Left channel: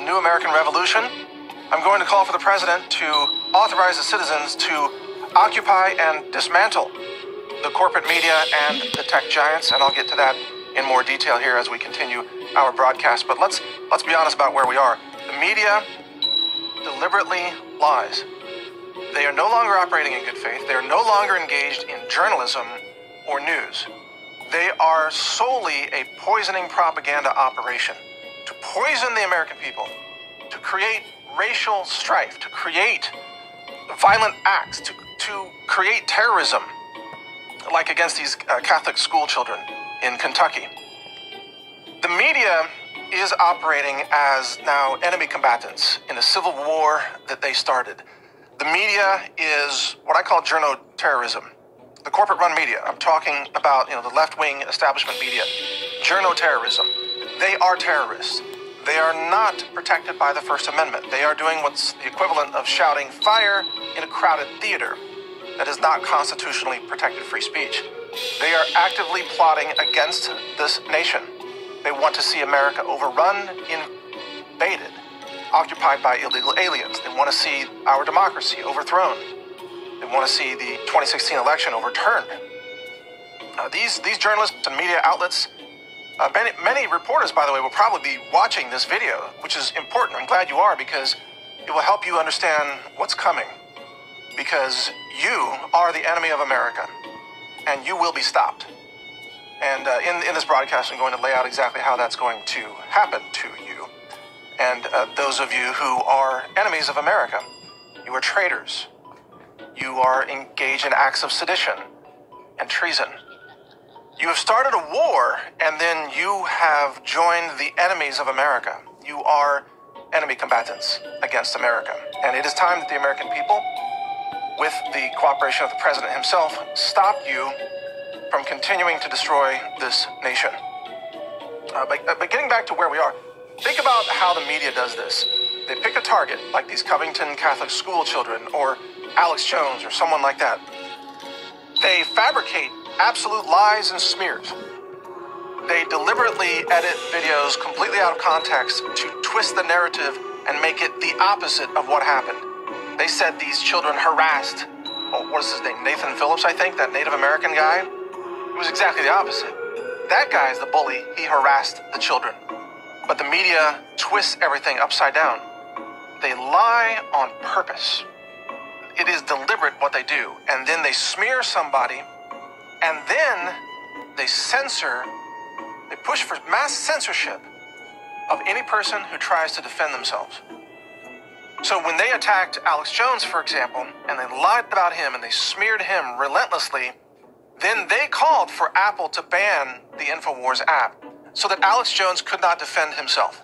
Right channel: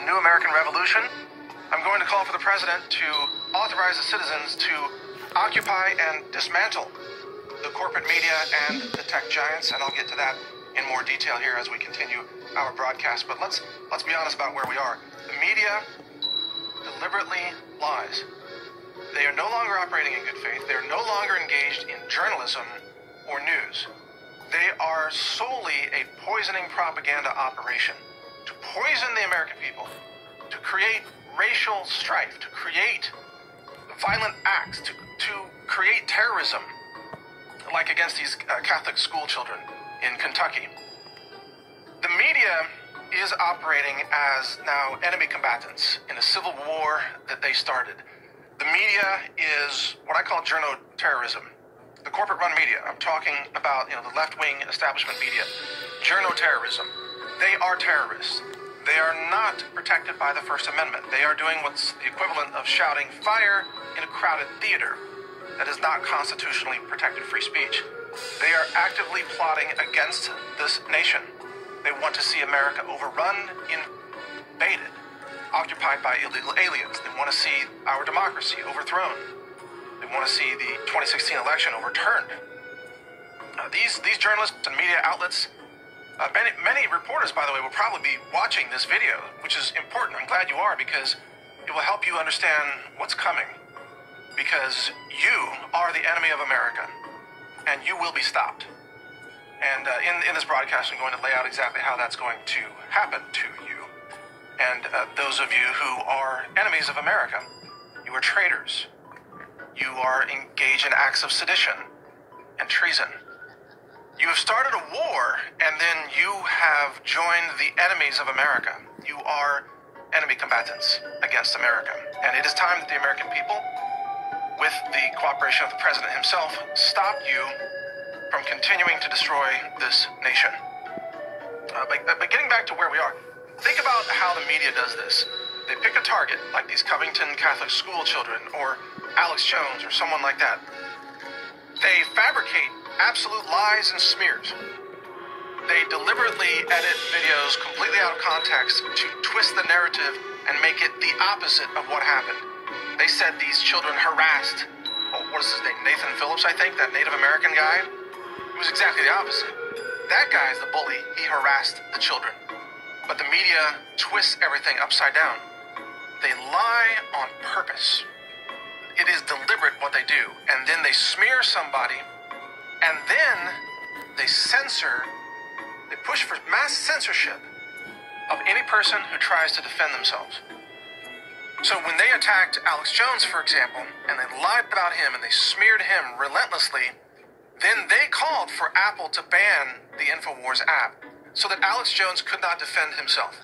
the new American Revolution, I'm going to call for the president to authorize the citizens to occupy and dismantle the corporate media and the tech giants, and I'll get to that in more detail here as we continue our broadcast. But let's be honest about where we are. The media deliberately lies. They are no longer operating in good faith. They are no longer engaged in journalism or news. They are solely a poisoning propaganda operation to poison the American people, to create racial strife, to create violent acts, to create terrorism, like against these Catholic school children in Kentucky. The media is operating as now enemy combatants in a civil war that they started. The media is what I call journo-terrorism. The corporate-run media. I'm talking about, the left-wing establishment media. Journo-terrorism. They are terrorists. They are not protected by the First Amendment. They are doing what's the equivalent of shouting fire in a crowded theater. That is not constitutionally protected free speech. They are actively plotting against this nation. They want to see America overrun, invaded, occupied by illegal aliens. They want to see our democracy overthrown. They want to see the 2016 election overturned. These journalists and media outlets, many reporters, by the way, will probably be watching this video, which is important. I'm glad you are, because it will help you understand what's coming. Because you are the enemy of America, and you will be stopped. And in this broadcast, I'm going to lay out exactly how that's going to happen to you. And those of you who are enemies of America, you are traitors. You are engaged in acts of sedition and treason. You have started a war, and then you have joined the enemies of America. You are enemy combatants against America. And it is time that the American people, with the cooperation of the president himself, stop you from continuing to destroy this nation. But getting back to where we are, think about how the media does this. They pick a target, like these Covington Catholic school children, or Alex Jones, or someone like that. They fabricate absolute lies and smears. They deliberately edit videos completely out of context to twist the narrative and make it the opposite of what happened. They said these children harassed, what is his name, Nathan Phillips, I think, that Native American guy. It was exactly the opposite. That guy's the bully. He harassed the children. But the media twists everything upside down. They lie on purpose. It is deliberate what they do. And then they smear somebody, and then they censor, they push for mass censorship of any person who tries to defend themselves. So when they attacked Alex Jones, for example, and they lied about him and they smeared him relentlessly, then they called for Apple to ban the InfoWars app so that Alex Jones could not defend himself.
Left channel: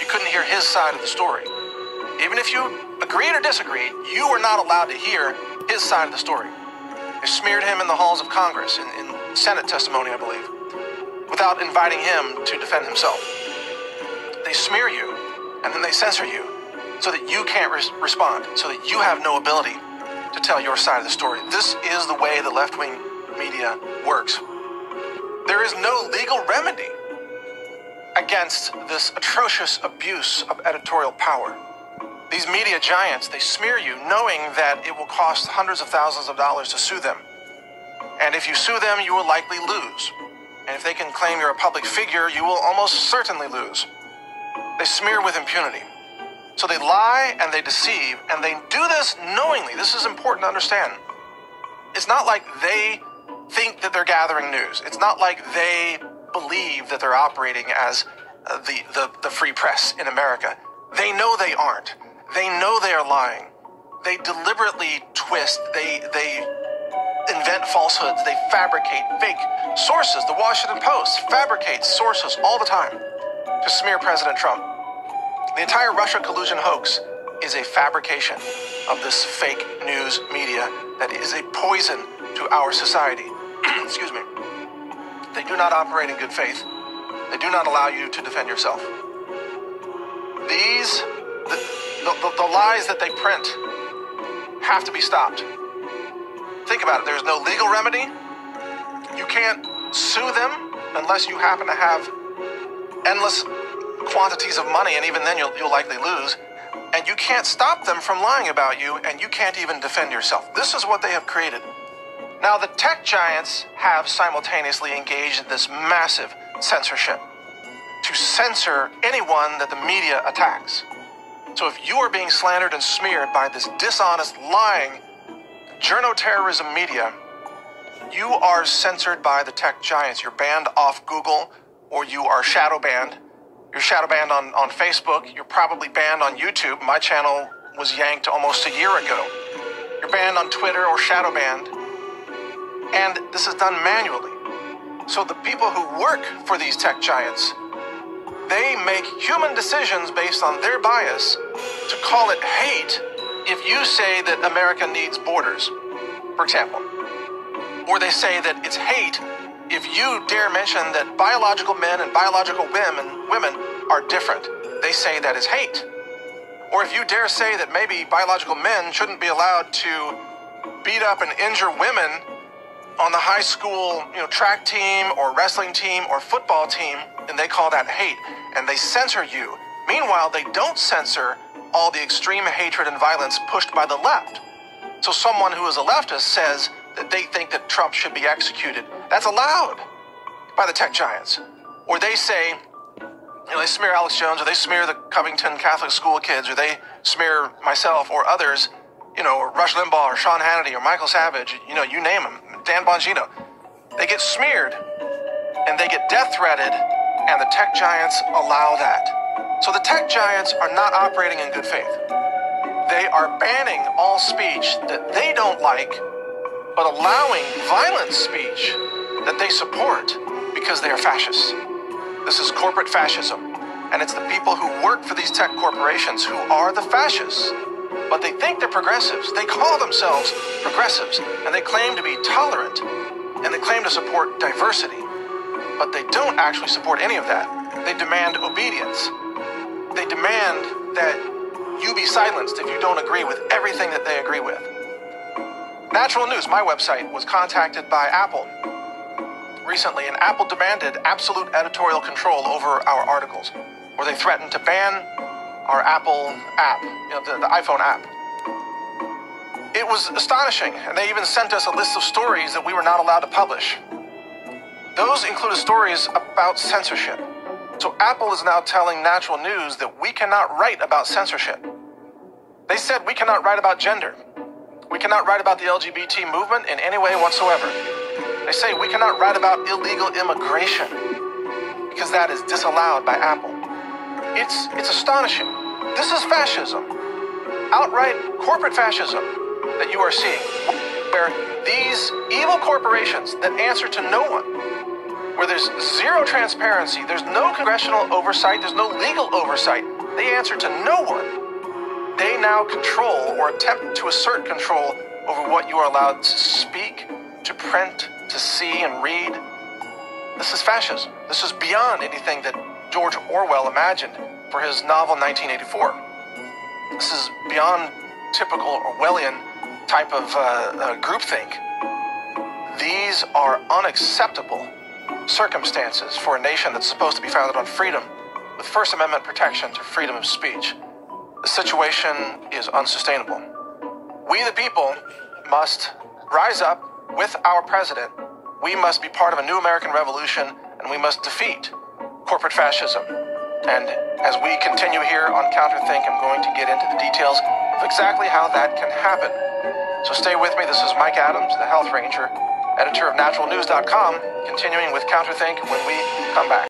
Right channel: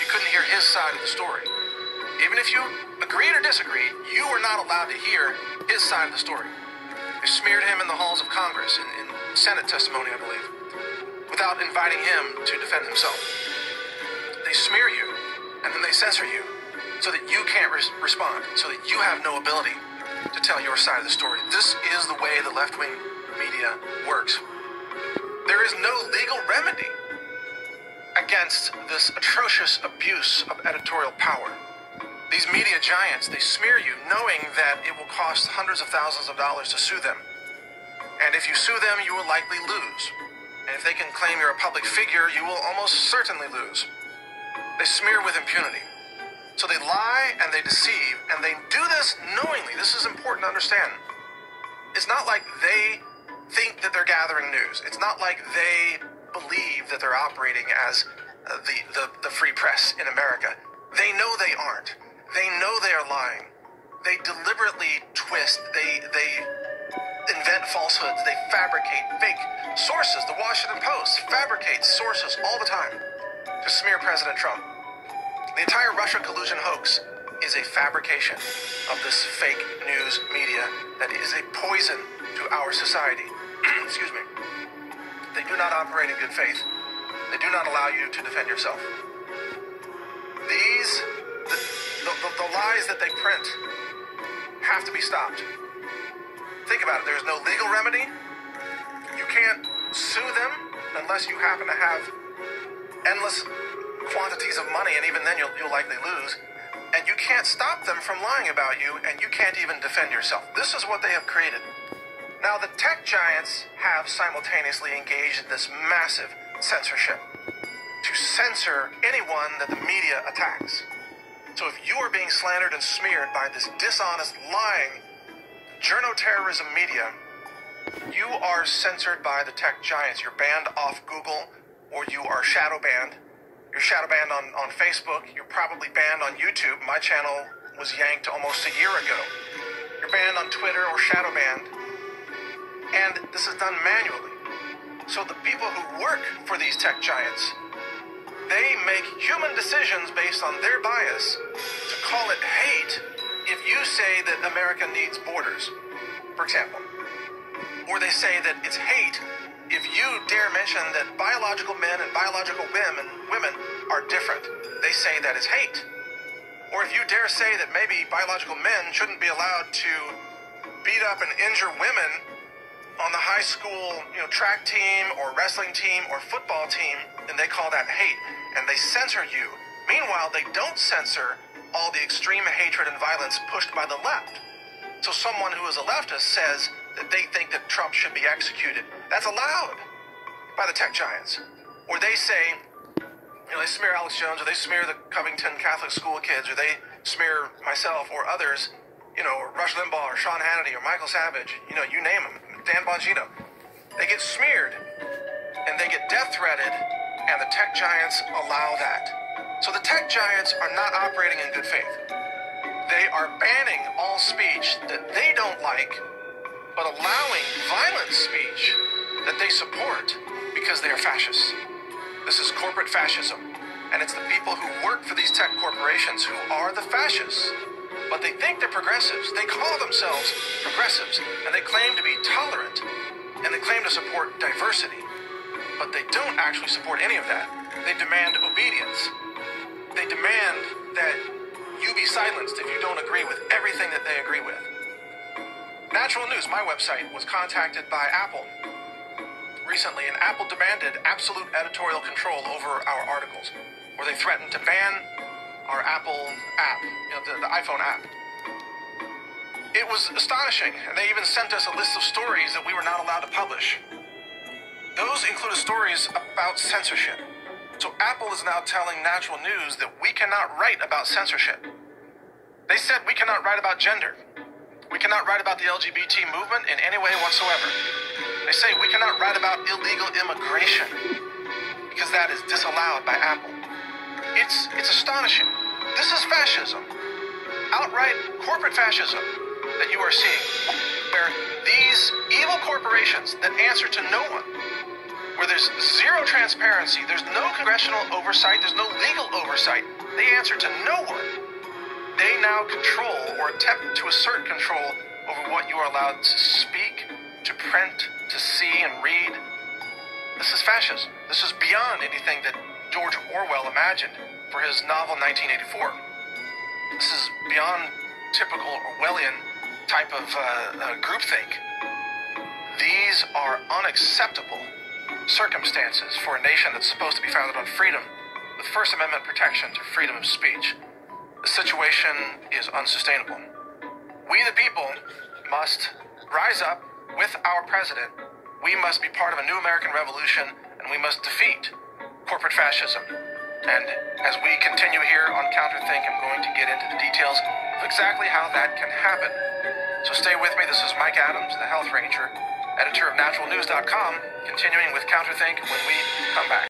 You couldn't hear his side of the story. Even if you agreed or disagreed, you were not allowed to hear his side of the story. They smeared him in the halls of Congress, in Senate testimony, I believe, without inviting him to defend himself. They smear you, and then they censor you, so that you can't respond, so that you have no ability to tell your side of the story. This is the way the left-wing media works. There is no legal remedy against this atrocious abuse of editorial power. These media giants, they smear you knowing that it will cost hundreds of thousands of dollars to sue them. And if you sue them, you will likely lose. And if they can claim you're a public figure, you will almost certainly lose. They smear with impunity. So they lie and they deceive, and they do this knowingly. This is important to understand. It's not like they think that they're gathering news. It's not like they believe that they're operating as the free press in America. They know they aren't. They know they are lying. They deliberately twist. They invent falsehoods. They fabricate fake sources. The Washington Post fabricates sources all the time to smear President Trump. The entire Russia collusion hoax is a fabrication of this fake news media that is a poison to our society. Excuse me. They do not operate in good faith. They do not allow you to defend yourself. The lies that they print have to be stopped. Think about it. There's no legal remedy. You can't sue them unless you happen to have endless quantities of money, and even then you'll likely lose. And you can't stop them from lying about you, and you can't even defend yourself. This is what they have created. Now, the tech giants have simultaneously engaged in this massive censorship to censor anyone that the media attacks. So if you are being slandered and smeared by this dishonest, lying, journo-terrorism media, you are censored by the tech giants. You're banned off Google, or you are shadow banned. You're shadow banned on Facebook. You're probably banned on YouTube. My channel was yanked almost a year ago. You're banned on Twitter or shadow banned. And this is done manually. So the people who work for these tech giants, they make human decisions based on their bias to call it hate if you say that America needs borders, for example. Or they say that it's hate if you dare mention that biological men and biological women are different. They say that is hate. Or if you dare say that maybe biological men shouldn't be allowed to beat up and injure women on the high school, track team or wrestling team or football team, and they call that hate, and they censor you. Meanwhile, they don't censor all the extreme hatred and violence pushed by the left. So someone who is a leftist says that they think that Trump should be executed. That's allowed by the tech giants. Or they say, they smear Alex Jones, or they smear the Covington Catholic school kids, or they smear myself or others, or Rush Limbaugh or Sean Hannity or Michael Savage, you name them. Dan Bongino. They get smeared and they get death threatened, and the tech giants allow that. So the tech giants are not operating in good faith. They are banning all speech that they don't like, but allowing violent speech that they support because they are fascists. This is corporate fascism, and it's the people who work for these tech corporations who are the fascists. But they think they're progressives. They call themselves progressives, and they claim to be tolerant, and they claim to support diversity. But they don't actually support any of that. They demand obedience. They demand that you be silenced if you don't agree with everything that they agree with. Natural News, my website, was contacted by Apple recently, and Apple demanded absolute editorial control over our articles, where they threatened to ban our Apple app, the iPhone app. It was astonishing, and they even sent us a list of stories that we were not allowed to publish. Those included stories about censorship. So Apple is now telling Natural News that we cannot write about censorship. They said we cannot write about gender. We cannot write about the LGBT movement in any way whatsoever. They say we cannot write about illegal immigration because that is disallowed by Apple. It's astonishing. This is fascism. Outright corporate fascism that you are seeing, where these evil corporations that answer to no one, where there's zero transparency, there's no congressional oversight, there's no legal oversight, they answer to no one. They now control or attempt to assert control over what you are allowed to speak, to print, to see and read. This is fascism. This is beyond anything that George Orwell imagined for his novel 1984. This is beyond typical Orwellian type of groupthink. These are unacceptable circumstances for a nation that's supposed to be founded on freedom, with First Amendment protection to freedom of speech. The situation is unsustainable. We, the people, must rise up with our president. We must be part of a new American revolution, and we must defeat corporate fascism. And as we continue here on Counterthink, I'm going to get into the details of exactly how that can happen. So stay with me. This is Mike Adams, the Health Ranger, editor of naturalnews.com, continuing with Counterthink when we come back.